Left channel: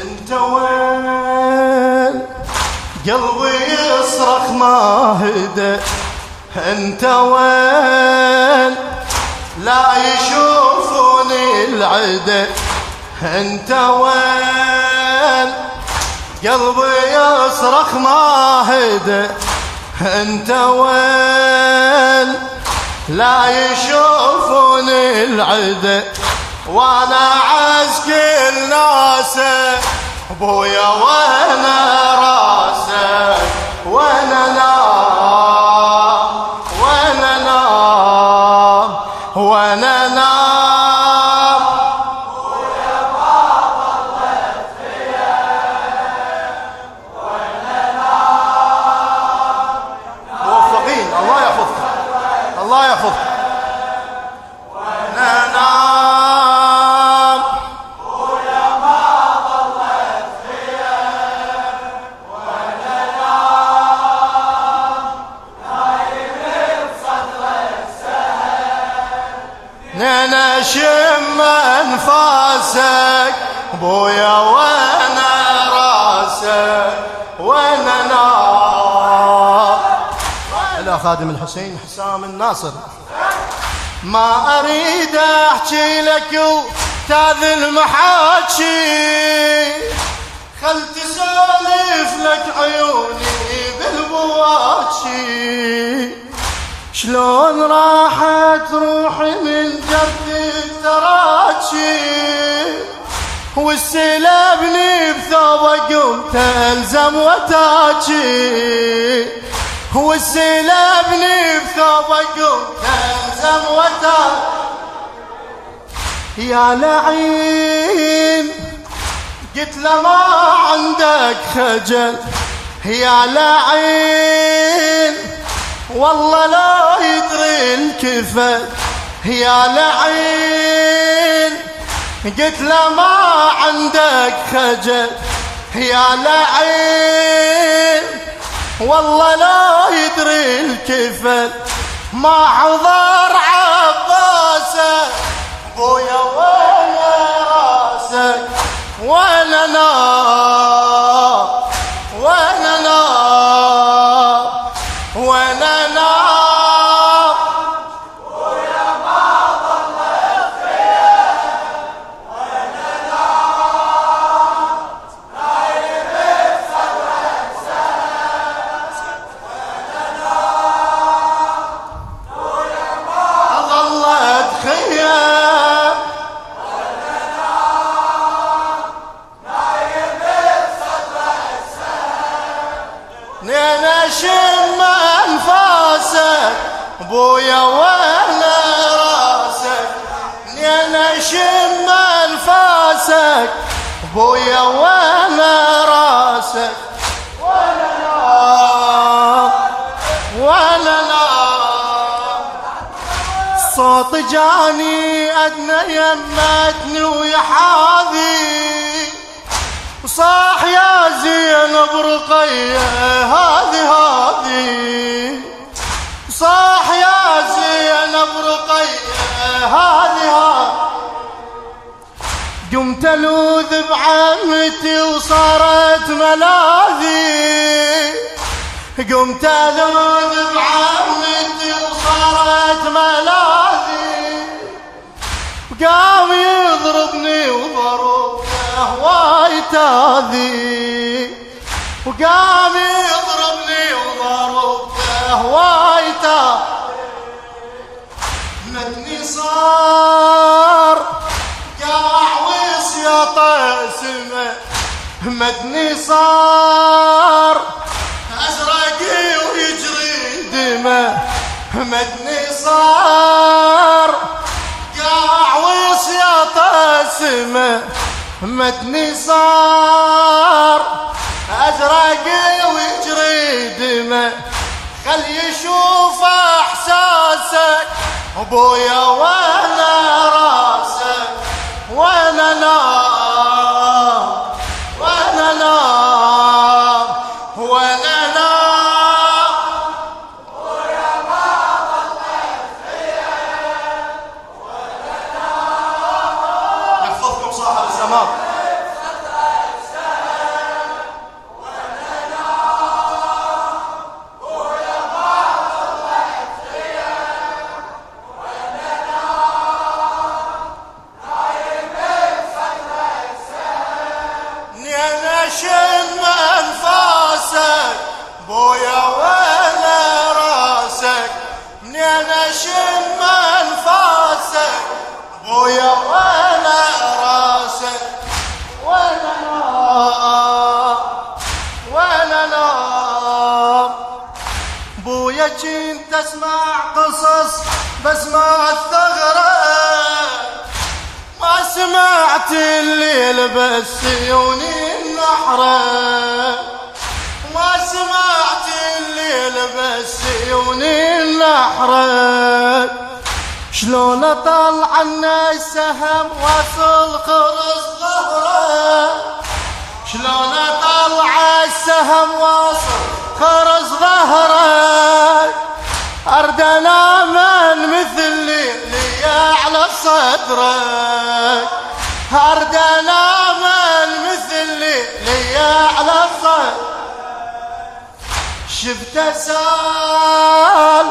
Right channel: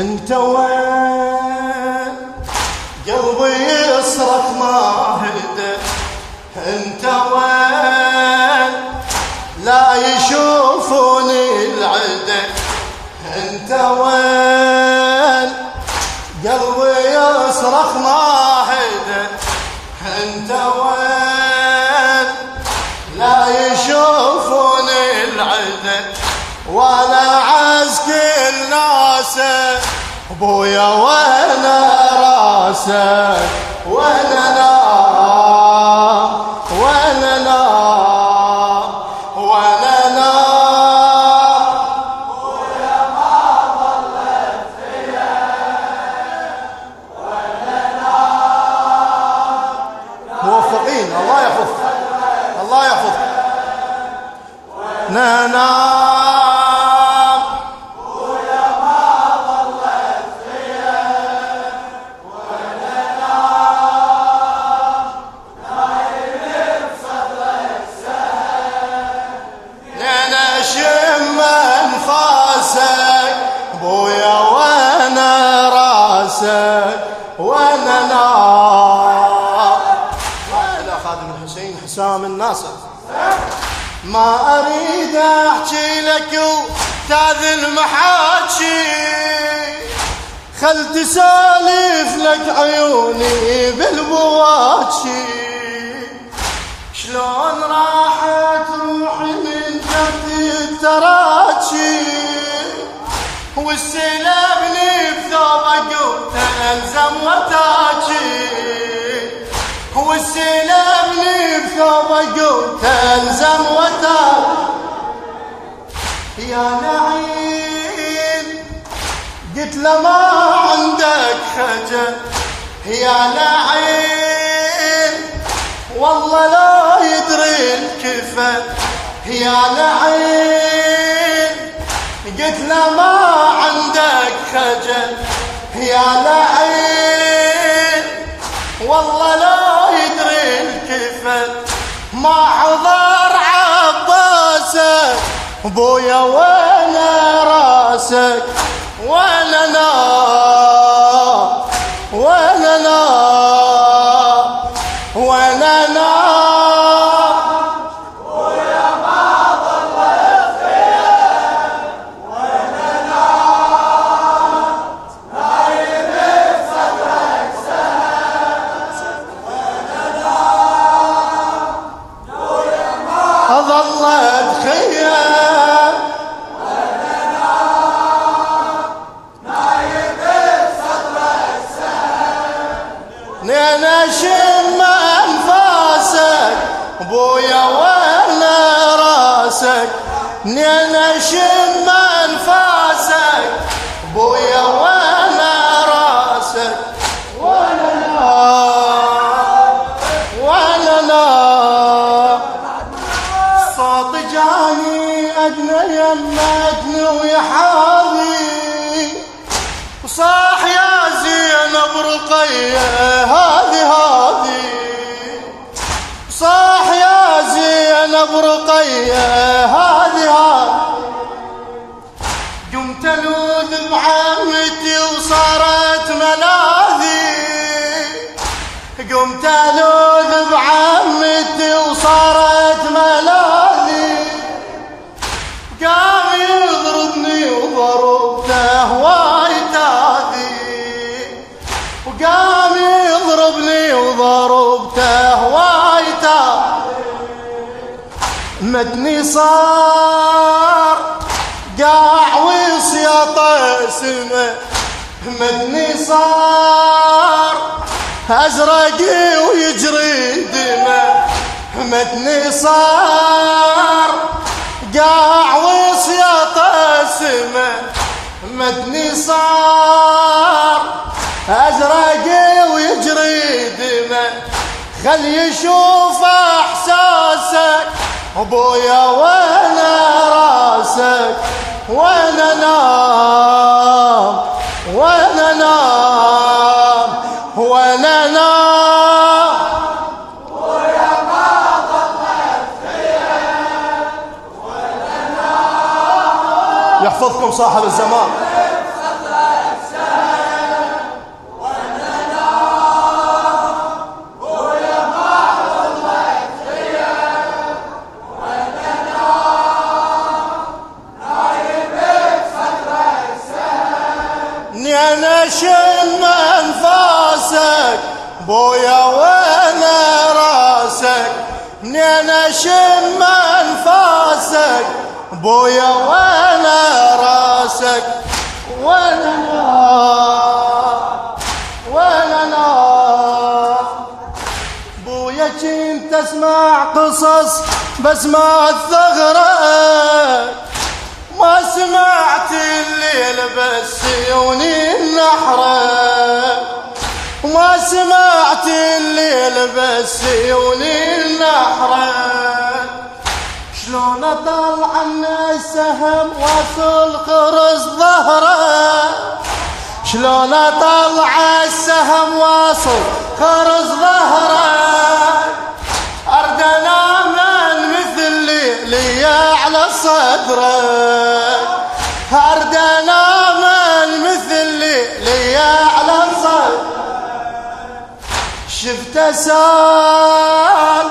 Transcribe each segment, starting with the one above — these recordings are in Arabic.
انت وين قلبي يصرخ ما هدى، انت وين لا يشوفوني العدا، انت وين قلبي يصرخ ما هدى، انت وين لا يشوفوني العدا، وانا عسكر ناسه ابويا وانا راسه، وانا لا وانا لا وانا لا ابويا ما ظلت فيا، وانا لا الله يحفظك لا أنا شم أنفاسك بويا وأنا راسك، وأنا لا خادم الحسين حسام الناصر. ما أريد أحكي لك وتاذ المحاكي، خل تسالف لك عيوني بالبواكي، شلون راحت روحي من والسلابني بثوبك وتلزم وتاكي، والسلابني بثوبك وتلزم وتاكي، يا لعين قلت له ما عندك خجل، يا لعين والله لا يدري الكفل، يا لعين قلت له ما عندك خجل، يا لعين والله لا يدري الكفل، ما حضر عباسك بويا وانا راسك، ولا لا ولا لا ولا لا بويا ما ظلت فيا، ولا لا نايم بصدرك سهل، ولا لا بويا ما ظلت فيا، ولا لا نايم بصدرك سهل، انا شم انفاسك بويا وانا راسك، انا شم انفاسك بويا وانا راسك، ولا لا ولا لا صوت جاني ادنى يمتني ويحاذي، وصاح يا زينب رقيه هذه صاح يا زينب رقيه هذه، قمت الوذ بعمتي وصارت ملاذي، قمت الوذ بعمتي وصارت ملاذي، وقام يضربني وضربته وايد هذي، وقام يضربني وضربته وايد مدني صار قاع وسيط اسمه، مدني صار ازرقي ويجري دمه، مدني صار قاع وسيط اسمه، مدني صار ازرقي ويجري دمه، خل يشوف احساسك ابويا وانا راسك، وانا نام وانا نام وانا نام ابويا ما ظلت فيا، ولا نام يحفظكم صاحب الزمان. شم انفاسك بويا ولا راسك، منين شم انفاسك بويا ولا راسك، ولا لا بويا كنت اسمع قصص بس ما الثغرة، ما سمعت الليل بس عيوني النحرة، ما سمعت الليل بس عيوني النحرة، شلون اطلع عنا السهم واصل خرز ظهره، شلون اطلع السهم واصل خرز ظهره، ارد انام مثل ليلي على صدره، ارد انام مثل ليلي على صدره، شفته سال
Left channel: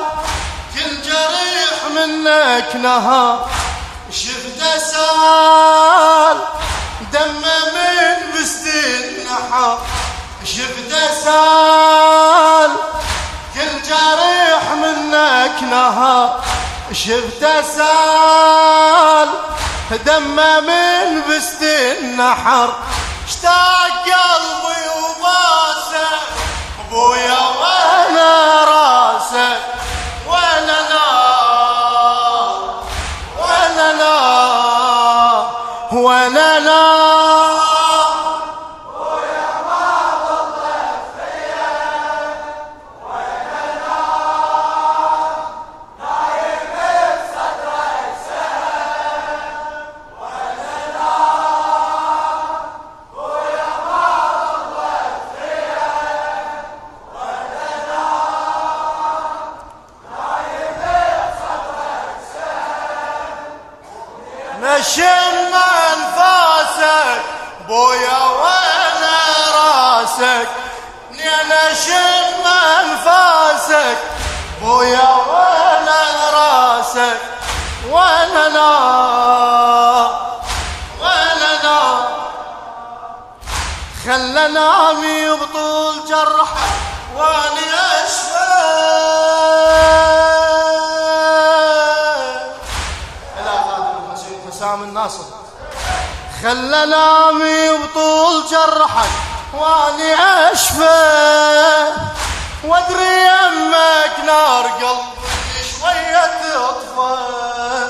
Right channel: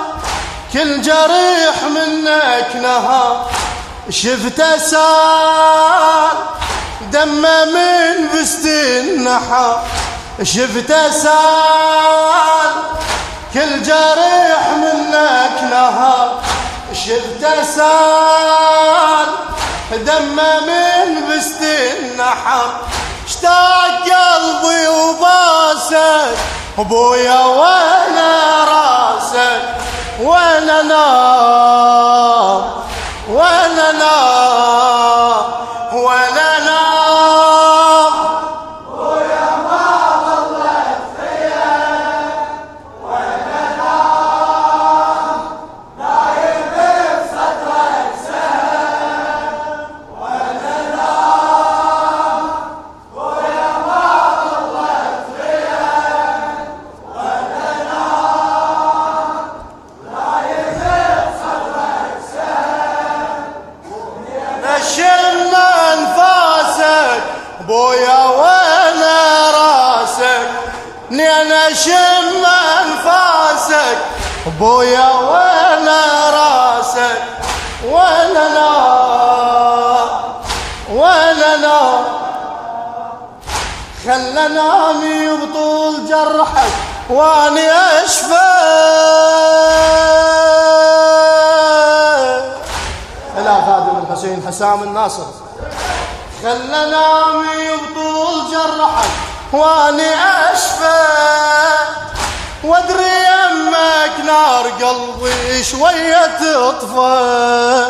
كل جريح منك نهار، شفته سال دمه من بست النحار، شفته سال كل جريح منك نهار، شفته سال دمه من بست النحر، اشتاق قلبي وباسك ابويا وانا راسك، وانا نار وانا نار وانا نار شم انفاسك بويا وانا راسك، نينا شم انفاسك بويا وانا راسك، وانا نار وانا نار، خلى نامي بطول جرحك واني اشفى، حسام الناصر، خلى نامي بطول جرحك واني اشفى، وادري يمك نار قلبي شوية تطفى،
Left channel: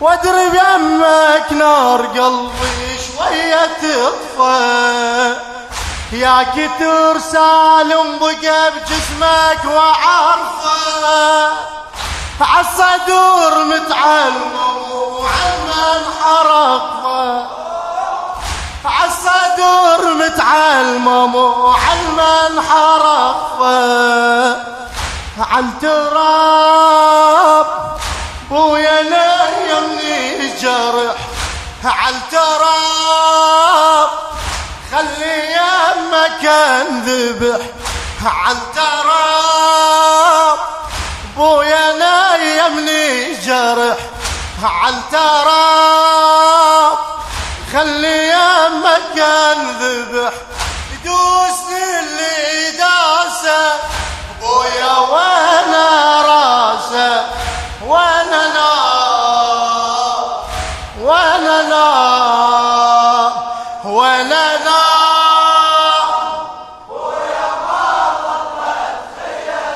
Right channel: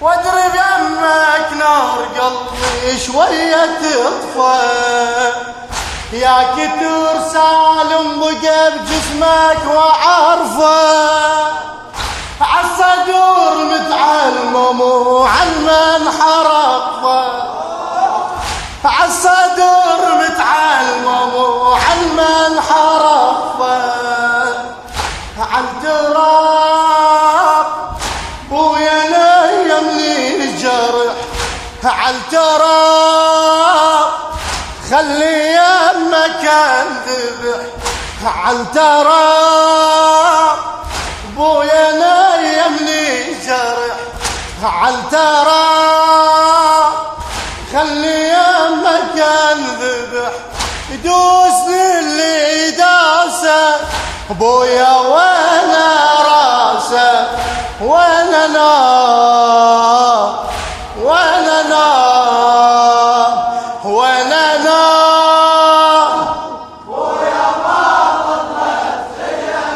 وادري بيمك نار قلبي شوية تطفى، يا كتر سالم بقى بجسمك وعارفه، عالصدور متعلم وعلم حرقه، عالصدور متعلم وعلم حرقه، عالتراب بويا يمني جرح، عالتراب خلي يمك انذبح، عالتراب بويا جرح، عالتراب خلي يمك انذبح، يدوسني اللي داسه بويا وانا راسه، وانا نار وانا نار وانا نار، بويا ما ضلت فيا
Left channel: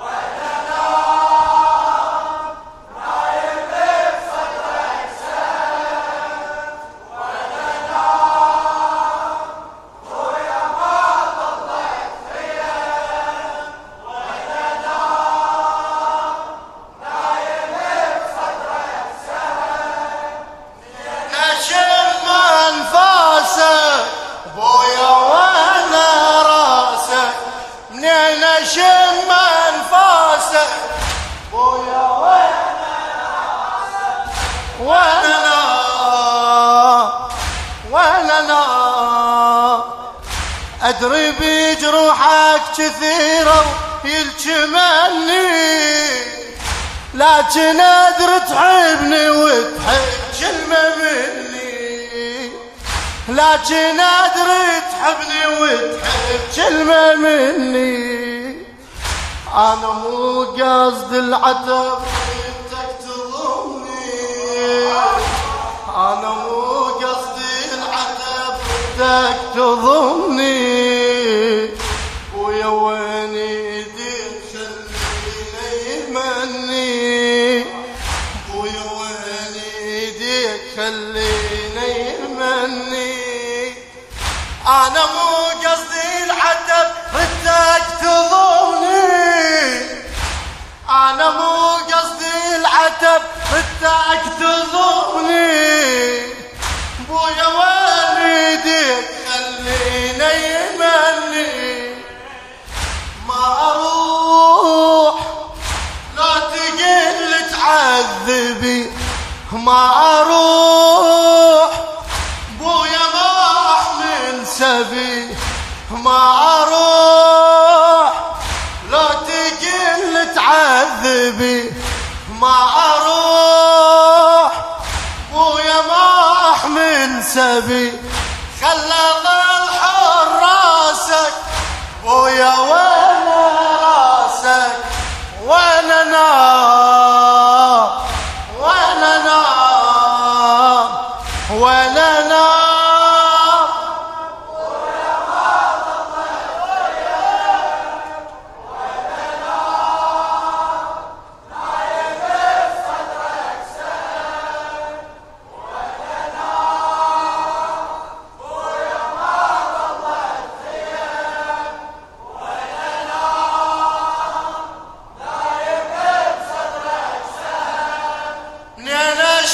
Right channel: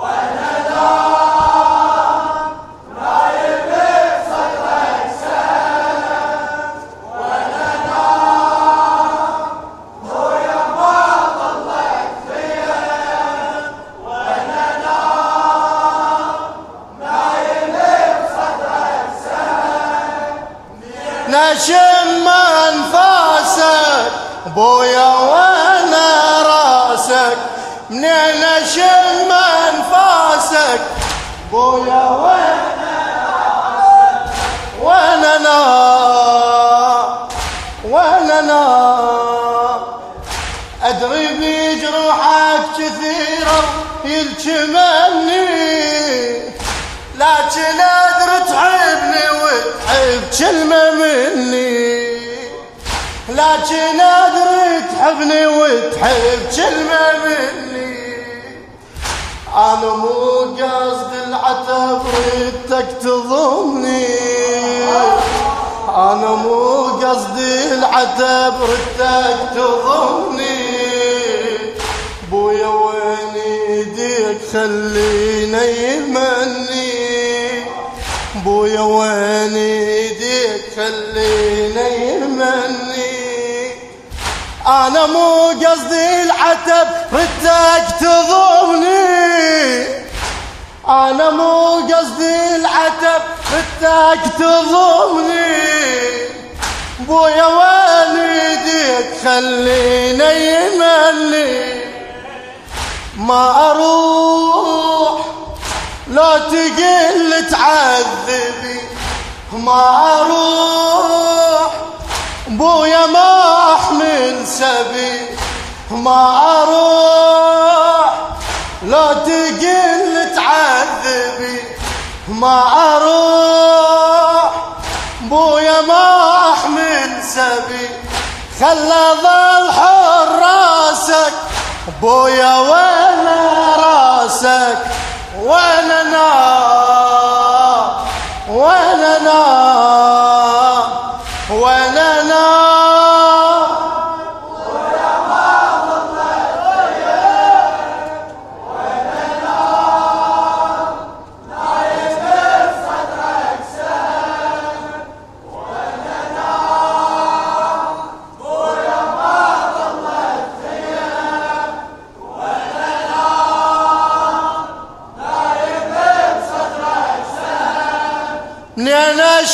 وانا نار، نشم انفاسك بويا وانا راسك، منين نشم انفاسك بويا وانا راسك، وانا نار وانا نار، ادري بجروحك كثيره يلجمني، لكن ادري تحبني وتحب كلمه مني، لكن ادري تحبني وتحب كلمة مني. انا مو قصد العتب ردك تضمني، انا مو قصدي العتب ردك تضمني. بويا وين ايديك خلينا يمني، بويا وين ايديك خلينا يمني. انا مو قصدي العتب ردك تضمني، انا مو قصدي العتب ردك تضمني. بويا وين ايديك خلينا يمني. ما اروح لا تقل تعذبي، ما اروح بويا ما احمل سبي، ما اروح لا تقل تعذبي، ما اروح بويا ما احمل سبي. خلى ظل حر راسك بويا ولا راسك، ولا نار ولا نار ولا نار ولا ما ضلت وياك، ولا نار نايم بصدرك سام، ولا نار ويا ما ضلت وياك، ولا نار نايم بصدرك سام. من انا